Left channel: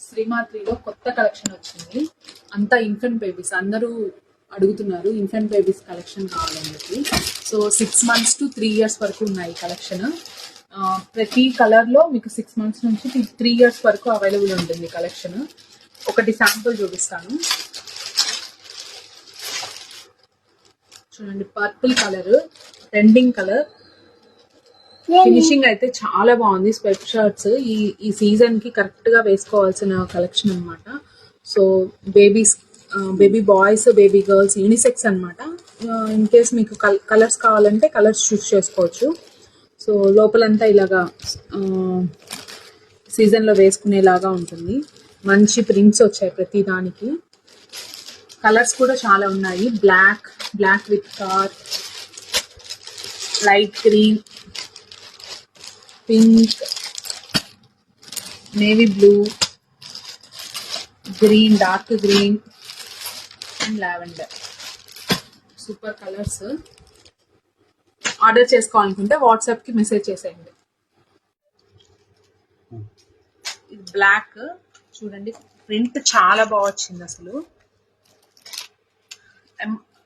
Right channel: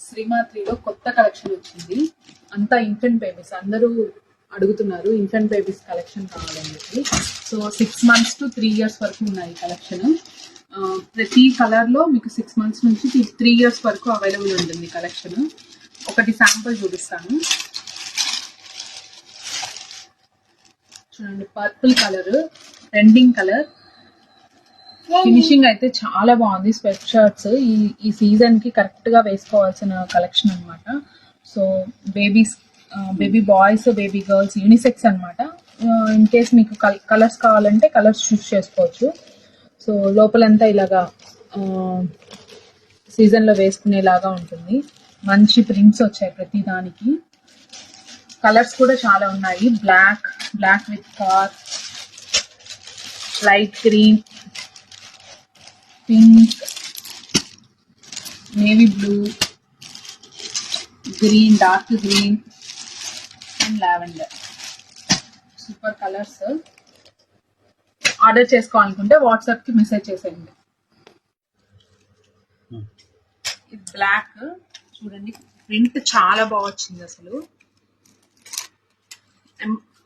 శ్రీమాత్రిలో కొత్త కలెక్షన్ వచ్చింది. అంతా ఇన్ఫెంట్ బేబీస్, అందరూ అడుగుతున్నారు ఇన్ఫెంట్ బేబీస్ కలెక్షన్ కావాలని చెప్పి. సో 6 months to 3 years వరకు ఉన్నాయి కలెక్షన్. ప్రతి కలర్లో మీకు 6 months నుంచి 3 years వరకు అవైలబుల్ ఉంటుంది కలెక్షన్. ఒకటి శాంపుల్ చూపిస్తాను చూడండి. Purple colour, trending colour, finishing అయితే చాలా బాగుంది. స్వెట్ షర్ట్స్ ఈ సీజన్ కి కరెక్ట్ గా వేసుకోవాల్సిన కలెక్షన్ అనమాట. So baby boys, baby girls, unisex అనమాట. ఇన్ కేస్ మీకు కలర్స్ కావాలంటే కలర్స్ చూస్ చేసుకోవచ్చు. సో లోపలంతా ఇలాగా సీజన్లో వేసుకునేలాగా ఉంటుంది. మంచి ప్రింట్స్ వచ్చాయి ప్రతి దానికి. కలర్స్ కూడా చాలా ఉన్నాయి. Black with dark, light green, pink, navy blue, green, dark green and lavender. Super colours. Order చేసుకోవాలనుకుంటే వాట్సాప్కి మెసేజ్ చేసేయండి. ఇది బ్లాక్ చూడండి, ప్రింట్ చాలా బాగా వచ్చింది అసలు.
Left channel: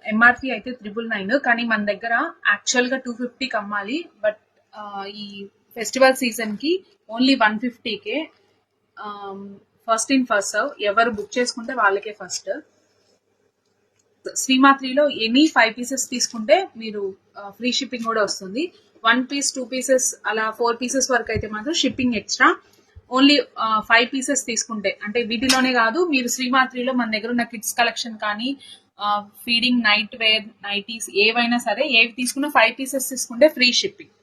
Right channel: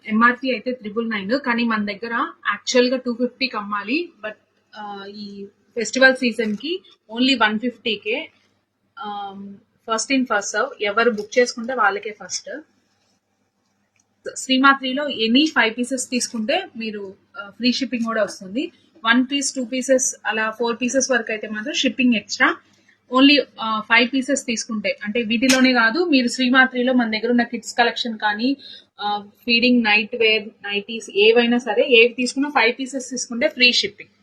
ఎంఆర్పి అయితే 999, కానీ మన దగ్గర యాక్చువల్గా 250కి అమ్మాలి. బట్ ఈ ఫెస్టివల్ సీజన్ కి ఓన్లీ 150కే. ఫస్ట్ ఇన్ ఫస్ట్ సర్వ్, ఎవరు బుక్ చేసుకుంటే వాళ్ళకే ఫస్ట్. శ్రీమాత్రిలో ఎనీ 5 pieces తీసుకుంటే మీరు ఫ్రీ షిప్పింగ్ కూడా వస్తుంది. 1 piece 2 pieces అలా 4 pieces వరకు అయితే మాత్రం షిప్పింగ్ ఎక్స్ట్రా. ఓన్లీ 5 pieces తీసుకుంటే, అంటే వీటిలోనే కాదు, మీరు శ్రీమాత్రిలో మన దగ్గర ఉన్న కిడ్స్ కలెక్షన్ కానీ, ఫీడింగ్, నైట్ వేర్, నైటీస్ ఏవైనా సరే, ఏవి తీసుకున్నా 5 pieces తీసుకుంటే ఫ్రీ షిప్పింగ్.